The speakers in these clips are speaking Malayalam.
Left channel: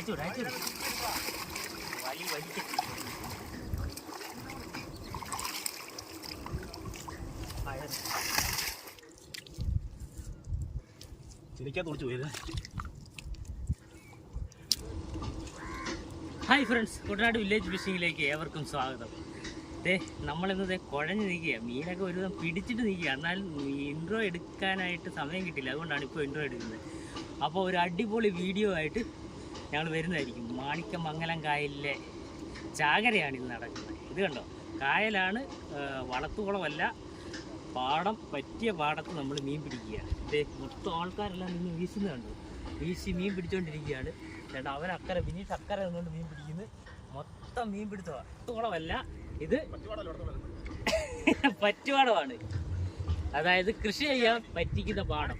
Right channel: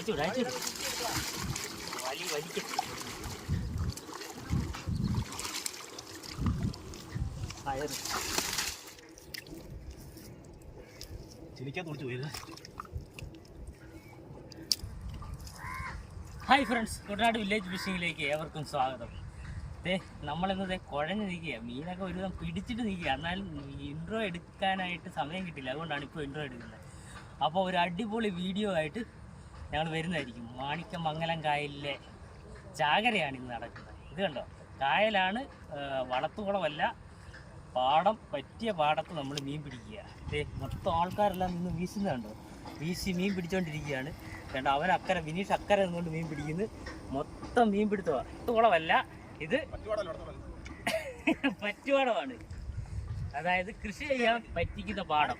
അയച്ചു ഹായ് ഫ്രണ്ട്സ് കുട്ടനാട് വില്ലേജ് ഫിഷിങ്ങിലേക്ക് ഏവർക്കും സ്വാഗതം. ദേ നമ്മളിന്നത് കുഴഞ്ഞ് നിൽക്കുക മീനൊക്കെ ഒരുവിധം പിടിച്ചിട്ട് നിൽക്കുക എന്നാലും ഇൻട്രോ എടുക്കാനായിട്ട് സമയം കിട്ടില്ല അതുകൊണ്ടാണ് ഇപ്പോൾ ഇൻട്രോ എടുക്കുന്നത്. അപ്പോൾ ഒരു അടിപൊളി വീഡിയോ ആയിട്ട് ഞങ്ങൾ വരുന്നതായിരിക്കും. മാണിക്കമംഗലം കായലിലെ ചാകരയാണ് ഇന്ന് നടക്കുന്നത്. ഇത് കണ്ടോ? കായലാണ് വളത്തുകുളമല്ല പാടം പറ്റിയ പാടത്ത് നമ്മൾ മീൻ പിടിക്കുക. ഇതേ മൊത്തം ആൾക്കാരെല്ലാം നിന്ന് വീശുന്നുണ്ട് വീശി മീൻ പിടിച്ചുകൊണ്ടിരിക്കുകയാണ് കേട്ടോ അവൻ അക്കരെ വിനീഷ് അക്കരെ നിന്നുകൊണ്ട് മീൻ പിടിക്കുന്നു. മൊത്തം മീൻ പിടുത്തമാണ് വളത്തുകുളമല്ല ഇത് പറ്റുപാടമാണ്. അതായത് കൃഷി ചെയ്യാൻ പറ്റിക്കുന്ന പാടം.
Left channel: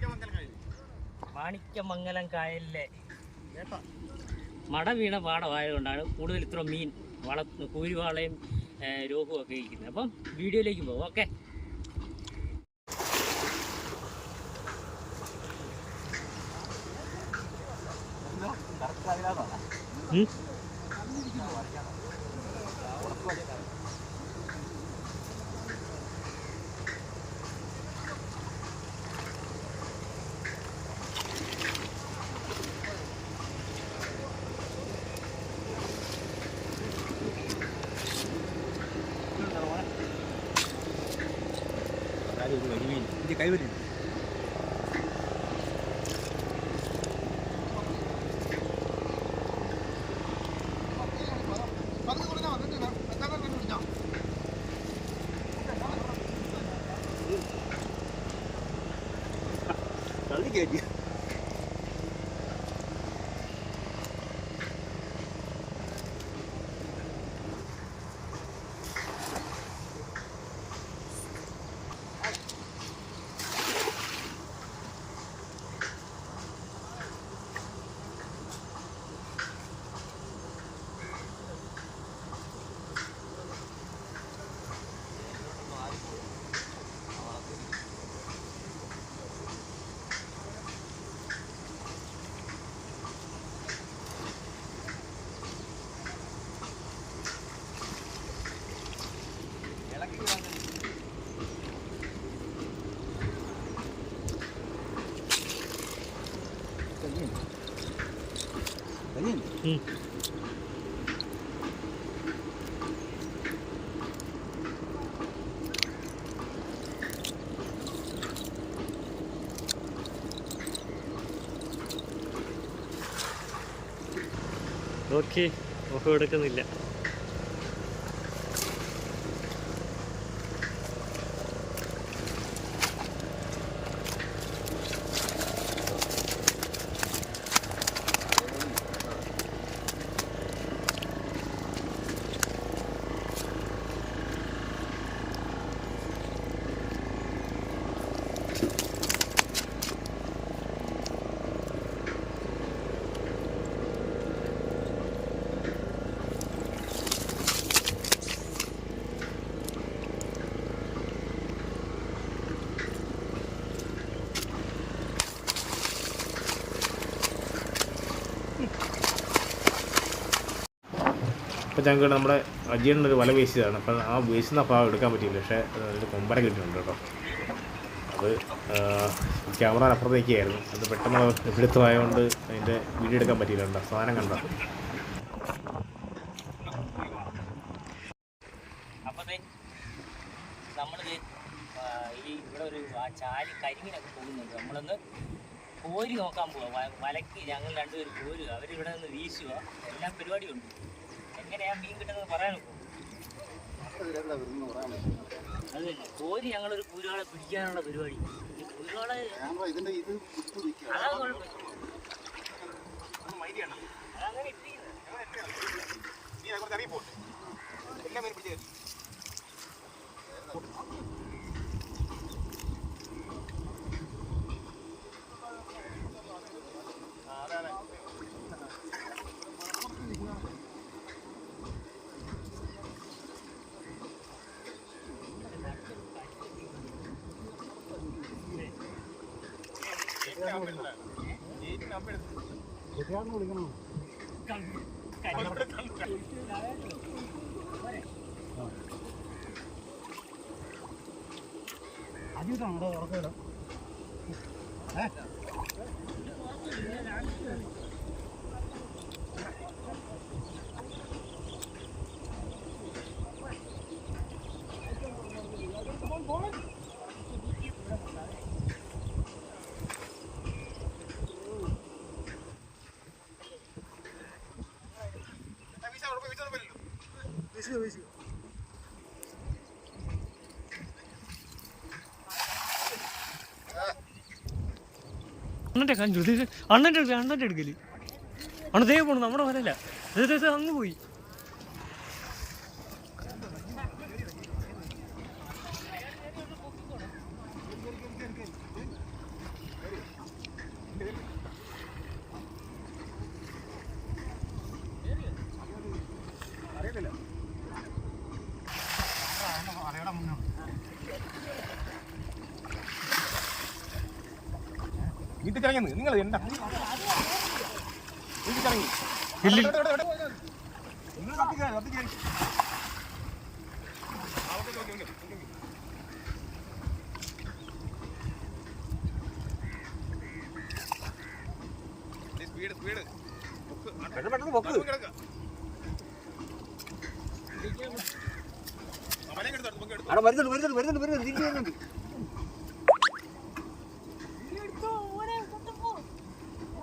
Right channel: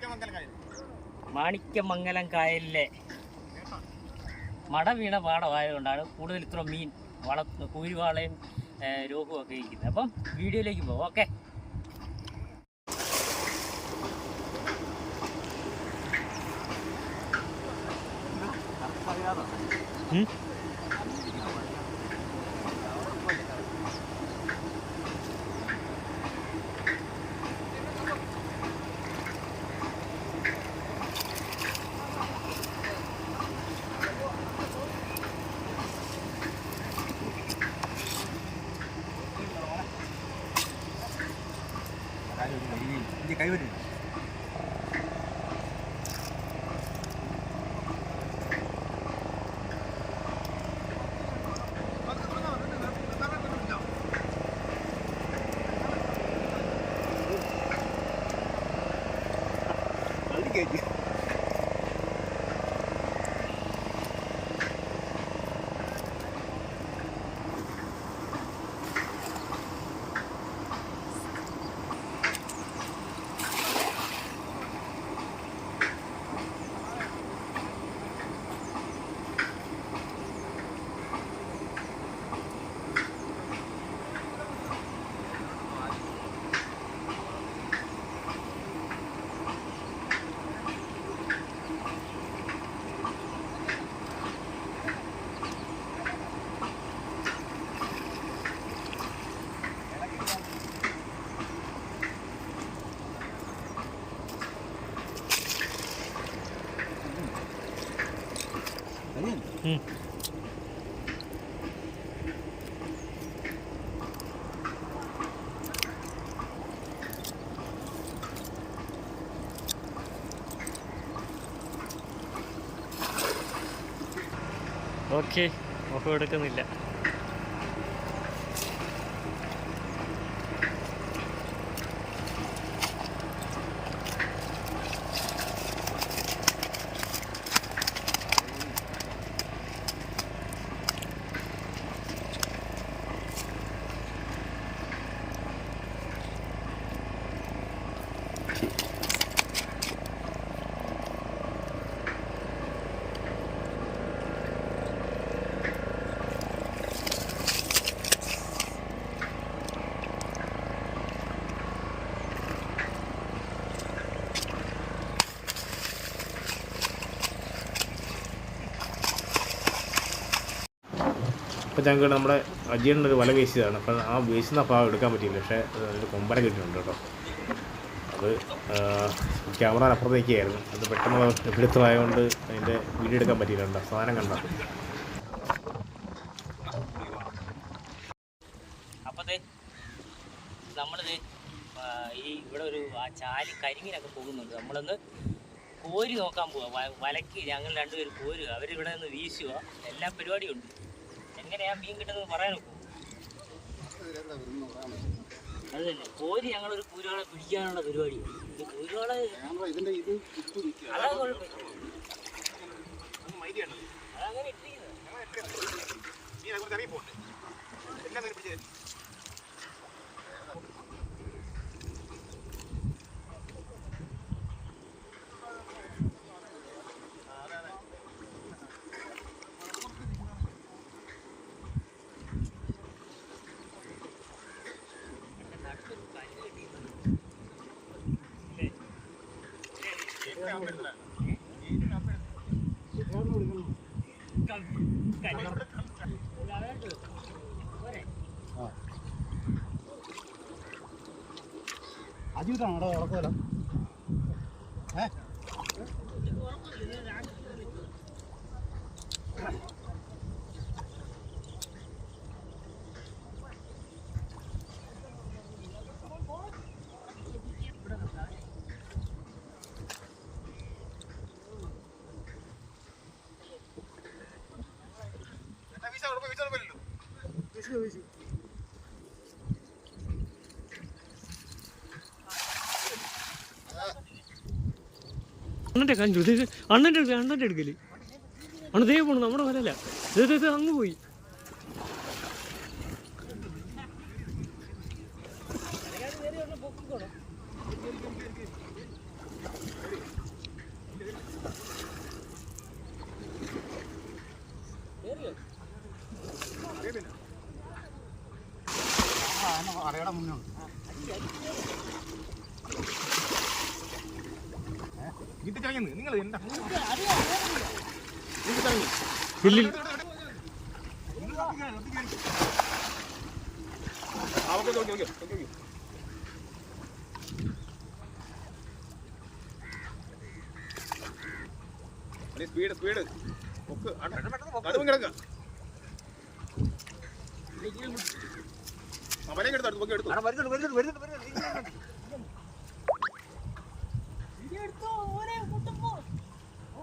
മാണിക്കമംഗലം കായലിലെ മട വീണ പാടമായതുകൊണ്ടാണ് കൂടുതൽ ഇത്ര മീൻ വള കൂരിവാളയും രോഗവും ഒക്കെ ഇരിക്കുന്നത്. അപ്പം വീഡിയോയിലേക്ക് പോകും ഓക്കെ. എന്റെ കൈവരി തള്ളി കയറ്റി ഓക്കെ ഓഫ് എടുക്കുന്നില്ല. അപ്പോൾ ഞങ്ങൾക്ക് നമ്മുടെ അജിയണ്ണൊരു വല വീശിയതാണ്. അപ്പം ആ വീശുന്ന ഭാഗം എടുക്കാൻ പറ്റിയില്ല. പക്ഷേ അതിൽ കൊമ്പര കിട്ടിയിട്ടുണ്ട് കേട്ടോ. അത് ക്യാമറ അപ്പുറത്തേക്കായിരുന്നു. അത് പെട്ടെന്ന് എടുത്തതായതുകൊണ്ട് അതിന്റെ വീഡിയോ എടുക്കാൻ പറ്റിയില്ല കേട്ടോ. സാധനം കണ്ട? ഈ ഒരു ചാലി കരിങ്ങിനൊക്കെ പോകുന്നുണ്ട്. നമ്മളൊന്ന് കോരി നോക്കാൻ പോവാ. വലക്ക് ഞങ്ങൾ രണ്ടുപേരും കോരുക. അവരിവിടെ നിന്ന് വീശുക. എല്ലാ പരിപാടിയും ഉണ്ട്. എങ്ങനെയാ മീൻ കിട്ടുന്നത് പറയാൻ നോക്കൂ അത് തന്നെ. കോരി ഞങ്ങളൊരു കൂരുകളെ പിടിക്കാനുള്ള പരിപാടി. കൂരുകളെ ഇതിന്റെ ഇത് കുത്തു നിൽക്കുക. അതാണ് അജീവിതമാണോ ഉറക്കമല്ല അണ്ണന്റെ ഇത് അണ്ണന്റെ എടുക്കൽ എടുക്കൽ അണ്ണ ദേ പോണു നമ്മുടെ വരല്ല അങ്ങ് പോയി. കഴിഞ്ഞു നിങ്ങൾ എന്താ? ഇല്ലിൽ സ്പീഡ് സ്പീഡ് വരുന്നുണ്ട് വരുന്നുണ്ട് വരുന്നുണ്ട് വരുന്നുണ്ട് തിരിച്ച് വരുന്നുണ്ട്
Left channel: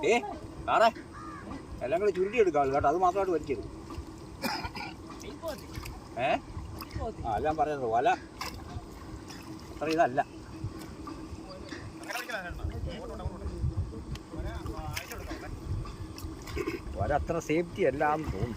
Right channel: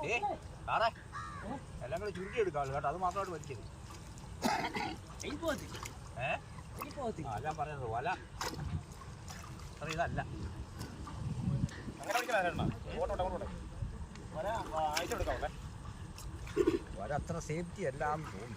ഏ കാണേ എല്ലാം കൂടെ ചുരുട്ടി എടുക്കാമല്ലോ കേട്ടോ. അത് മാത്രമായിട്ട് വലിക്കരുത്. ഏ? ഞാൻ പറഞ്ഞത് വല സാറേ ഇതല്ല. വല അത്ര സേഫ്റ്റി എല്ലാം തോന്നുന്നു.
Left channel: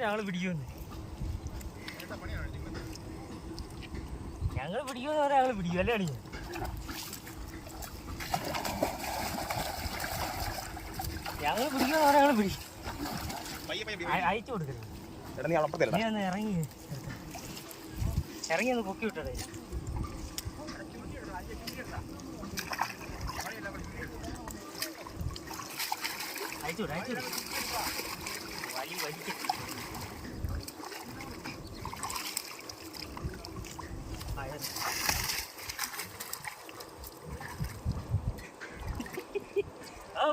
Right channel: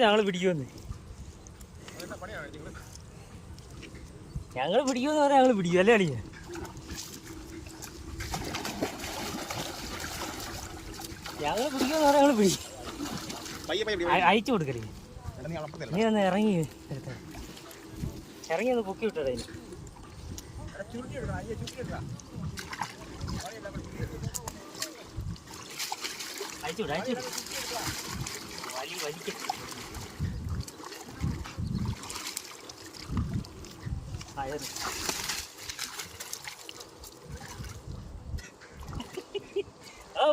ഞങ്ങൾ പിടിക്കുമെന്ന്. ഞങ്ങൾ പിടിക്കുമെന്ന് പറഞ്ഞാൽ ഞങ്ങൾ പിടിക്കും. അല്ലേ അളിയ ഞങ്ങൾ പിടിക്കുമെന്ന് പറഞ്ഞാൽ ഞങ്ങൾ പിടിക്കും. അയ- അയച്ചു കൊടുക്കലേ. നീ ഒന്ന് ഇറങ്ങി. ഇറങ്ങി ഒന്ന് പൊക്കി വിട്ടടേ അയച്ചു വിടാ അയച്ചു വിട് വലി വലിക്ക്. അയറ്. ആ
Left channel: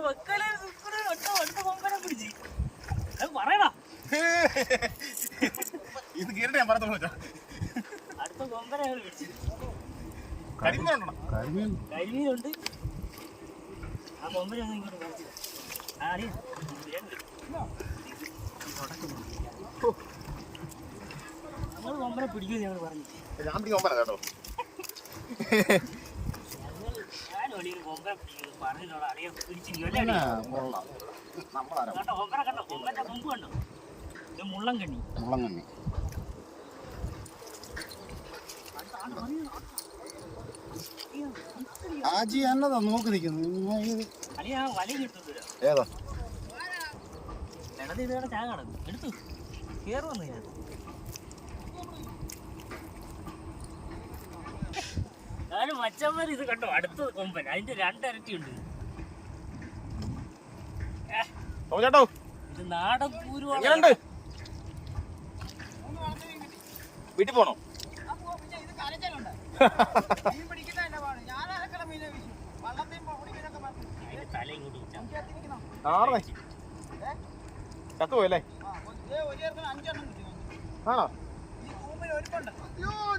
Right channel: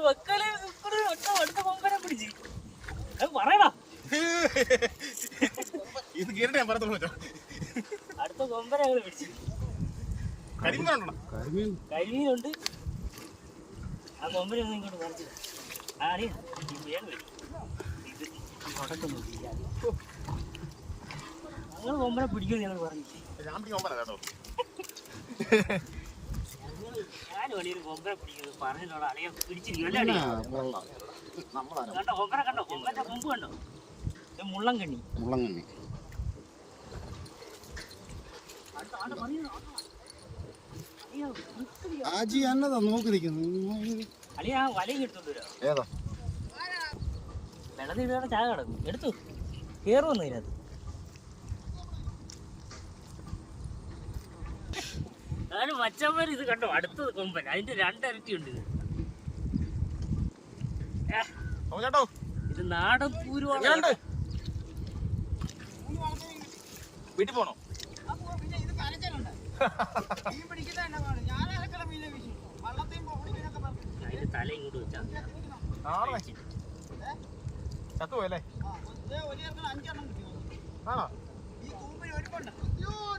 മക്കളെ ഒറ്റ ഒറ്റ കൊമ്പനെ പിടിച്ച്. അത് പറയടാ. ഇത് കേറിട്ട് ഞാൻ പറഞ്ഞോളൂ അടുത്ത കൊമ്പനെ ഞങ്ങൾ പിടിച്ചു. കരിമ്പുണ്ടോ കരിമീൻ. കരിമീനുണ്ട്. ആ കൊമ്പനെ ഇങ്ങോട്ട് കുറച്ച് ആ അടി ഇത് നടക്കുന്നു. ഞങ്ങൾ കൊമ്പനെ പിടിക്കുമെന്ന് ഞങ്ങൾ പറഞ്ഞു ഞാൻ പിടിക്കാൻ കേട്ടോ. ആജി എന്നതാ നോക്കി നിൽക്കുന്നത് അളിയ ആ ഏതാ? വെള്ളത്തിൽ ചായ കിടന്നു. എടുത്തു. കേറുവന്നു ഇതിനകത്ത് മച്ചന്മാർ ഇത് കണ്ടോ? അടുത്ത കൊമ്പൻ. അതിന്റെ രണ്ടരട്ടി ഉണ്ട് ഇത്. നാടൻ പൂരുവാണ്? വീട്ടിൽ പോണോ? അതിന്റെ തല ഇങ്ങോട്ട് വെച്ചാ ആണോ?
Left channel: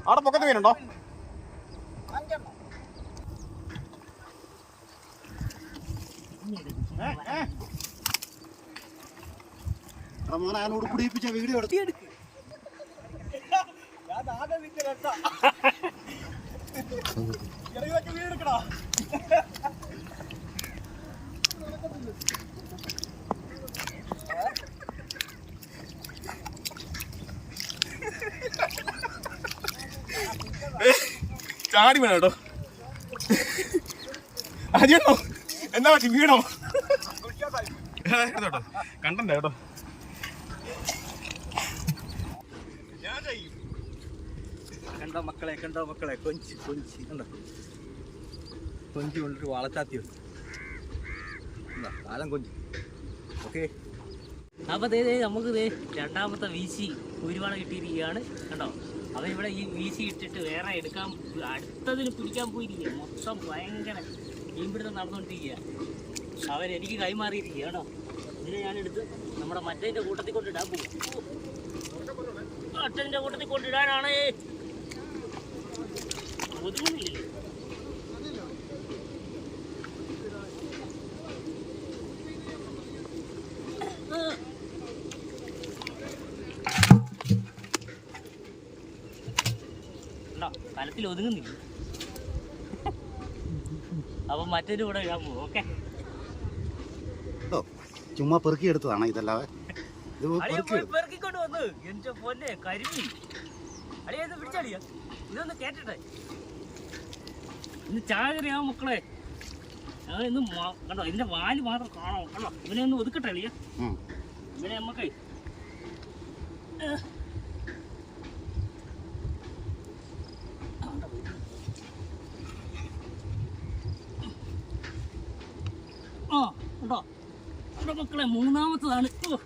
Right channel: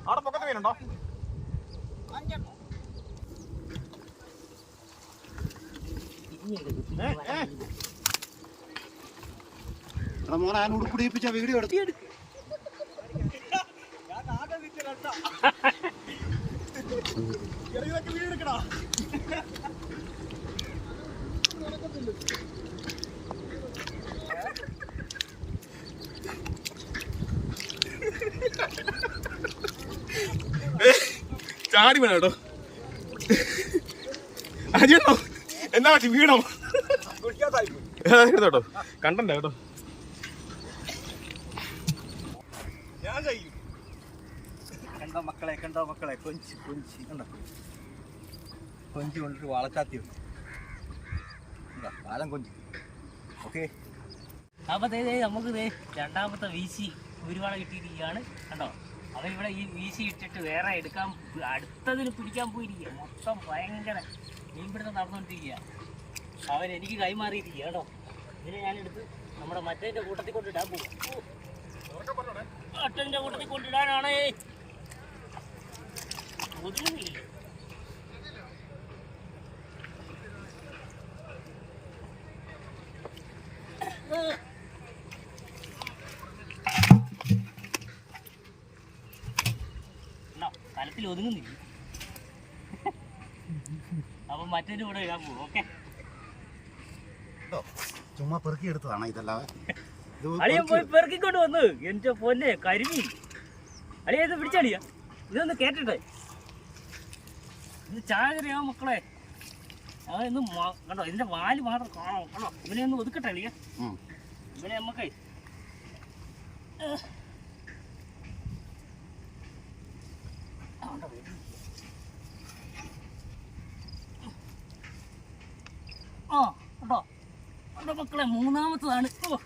അവിടെ പൊക്കത്ത് മീനുണ്ടോ? ഏ. മോനെ ഞാൻ ഉടുപ്പിടിപ്പിച്ച വീഡിയോ എടുത്തു എടാ, ഇതൊക്കെ വീഡിയോ എടുക്കടാ ചാടി വേണം കേട്ടോ. അജിയണ്ണോ എന്താ പറ്റി? വീണോ? കേട്ടോ? കണ്ടണ്ട കേട്ടോ? കണ്ടോ മക്കളെ കണ്ടോ മക്കളെ? കൊഞ്ചി കൊഞ്ചി. കണ്ടോ? കൊഞ്ചി കൊണ്ടൊരു വളച്ചാത്തി കാലം കൊഞ്ചി. ഓക്കെ. അപ്പൊ ദേ നമുക്ക് ദേ രണ്ടാമത്തെ വീശി കുരുവാള കിട്ടിയിരിക്കുകയാണ്. കണ്ടോ? അവൻ ഇവിടെ ഈ വീശി ഇട്ടിട്ട് വേറെ എടുക്കാൻ അടുത്തതിന് പിടിക്കാൻ പോയിരിക്കുക മൊത്തം ഭയങ്കര മീൻപിടുത്തം നടന്നുകൊണ്ടിരിക്കുക അവൻ എനിക്ക് കൈമാറിയിരിക്കുക കേട്ടോ. ഇതിനെ ഞാൻ എടുത്ത് നമ്മുടെ മറ്റേന്റെ കൂട്ടത്തിൽ കൊണ്ടിടാൻ പോവാ. മറ്റേതിന്റെ കൂട്ടത്തിൽ കൊണ്ടിടാനാണ്. ഒതുങ്ങുന്നില്ലല്ലോ ആ. ഉണ്ടോ? കലത്തിൽ ഒതുങ്ങുന്നില്ല. അപ്പൊ മറ്റൊരു കൂടെ ഇടാൻ പോകും ഓക്കെ? ചുമ്മാ പെറുക്കി എടുത്തതാണ് ഇതല്ലാതെ പെറുക്കിക്കൊണ്ട് വന്ന്. എന്റെ പൊന്നെ കരിമീൻ. അളിയ ഇത് പിടിച്ചളിയ ഇതൊന്ന് കേട്ടിട്ടെ. ഇന്ന് ചാകരയാ മക്കളെ. ഇന്ന് കണ്ടോ ഇതിന്റെ വാൽ മാത്രം കാണോ. കണ്ടോ? ഇവനെ ഒന്ന് ഒതുക്കട്ടെ അളിയ. ഇവനെ നമ്മക്കേ ആ കണ്ടോ? കണ്ടോ മക്കളെ മൂന്നാമത്തതാണ്. ഓ.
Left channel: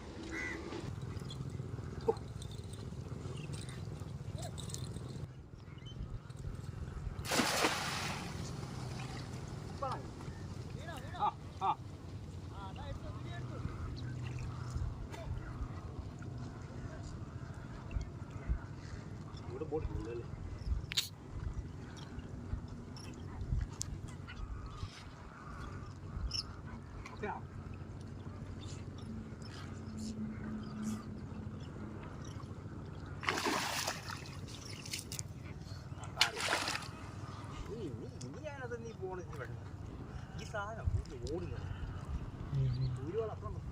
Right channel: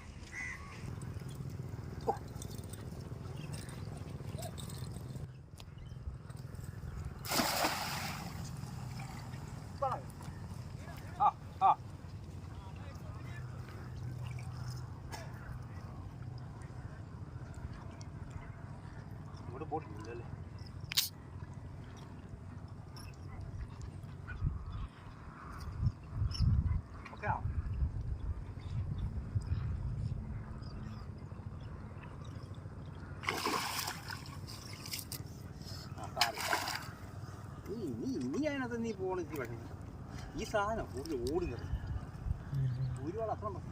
ഇവിടെ ബോട്ടില്ലല്ലേ ഓക്കെ നീ നീ നീ അതിനകത്ത് നീ പക്ഷേ ഈ സാധനം കൂടുതൽ ഓടുന്നത് ഒരുപാട് അപ്പുറം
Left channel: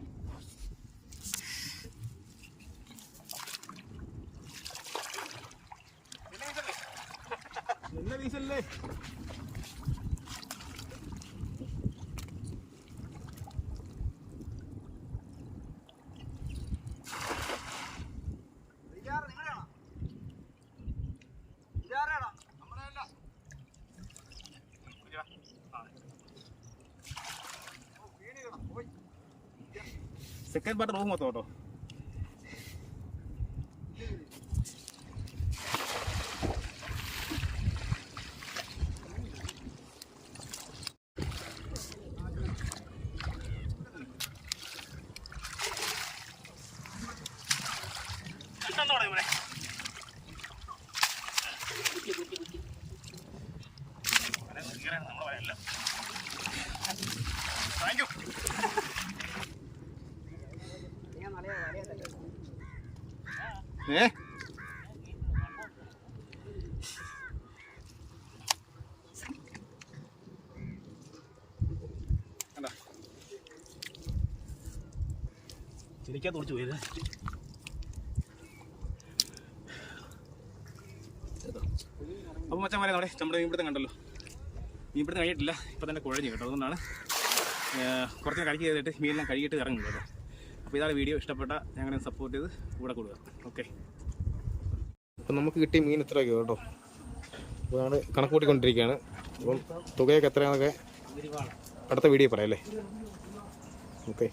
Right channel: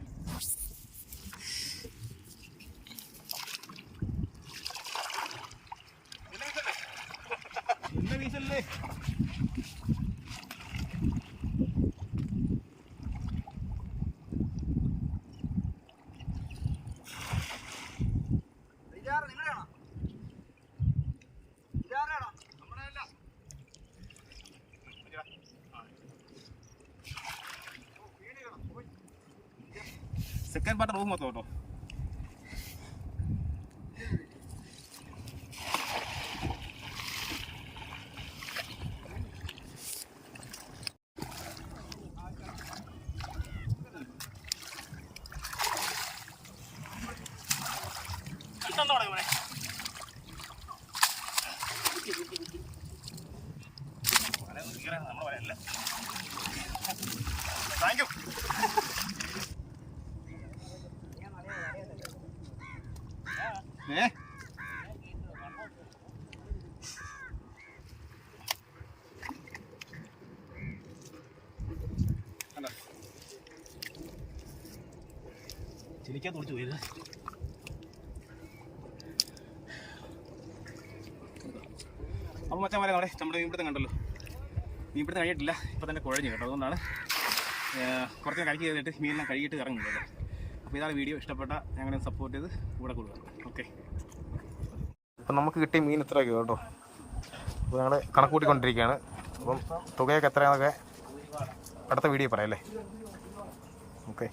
തേൻ പാട്ട് റൂം മൊത്തം കേട്ടോ താങ്ക് യു ചെലിക്കാത്ത ഒളിച്ചു പോയത് അപ്പോൾ മച്ചാമാരെ നമ്മുടെ നമ്മുടെ മീൻപിടുത്തം കണ്ടല്ലോ. മീൻപിടുത്തം കഴിയിട്ടില്ല ഇപ്പൊ തന്നെ കുഴഞ്ഞു കേട്ടോ. അതുകൊണ്ടാണ് കുറച്ച് നേരം കഴിക്ക് ചെയ്തിട്ട് മീനെല്ലാം കഴുകിയിട്ട് ഇറങ്ങുന്നത് കേട്ടോ. അപ്പോൾ ഇതാണ് വീഡിയോ. ഇഷ്ടപ്പെട്ട ഞങ്ങളെ സപ്പോർട്ട് ചെയ്ത് കൂടെ കൂടുക. ഓക്കെ അപ്പം നമുക്ക് കിട്ടിയ മീൻ ഇത്രയൊക്കെ കേട്ടോ. അപ്പോൾ ഞങ്ങൾ കണക്ക് കൂട്ടിക്കൊണ്ടിരിക്കുകയാണ് അപ്പം തുകയൊക്കെ എത്രയാണെന്നൊക്കെ അടുത്ത വീഡിയോ പറയാം അല്ലേ? ഓക്കെ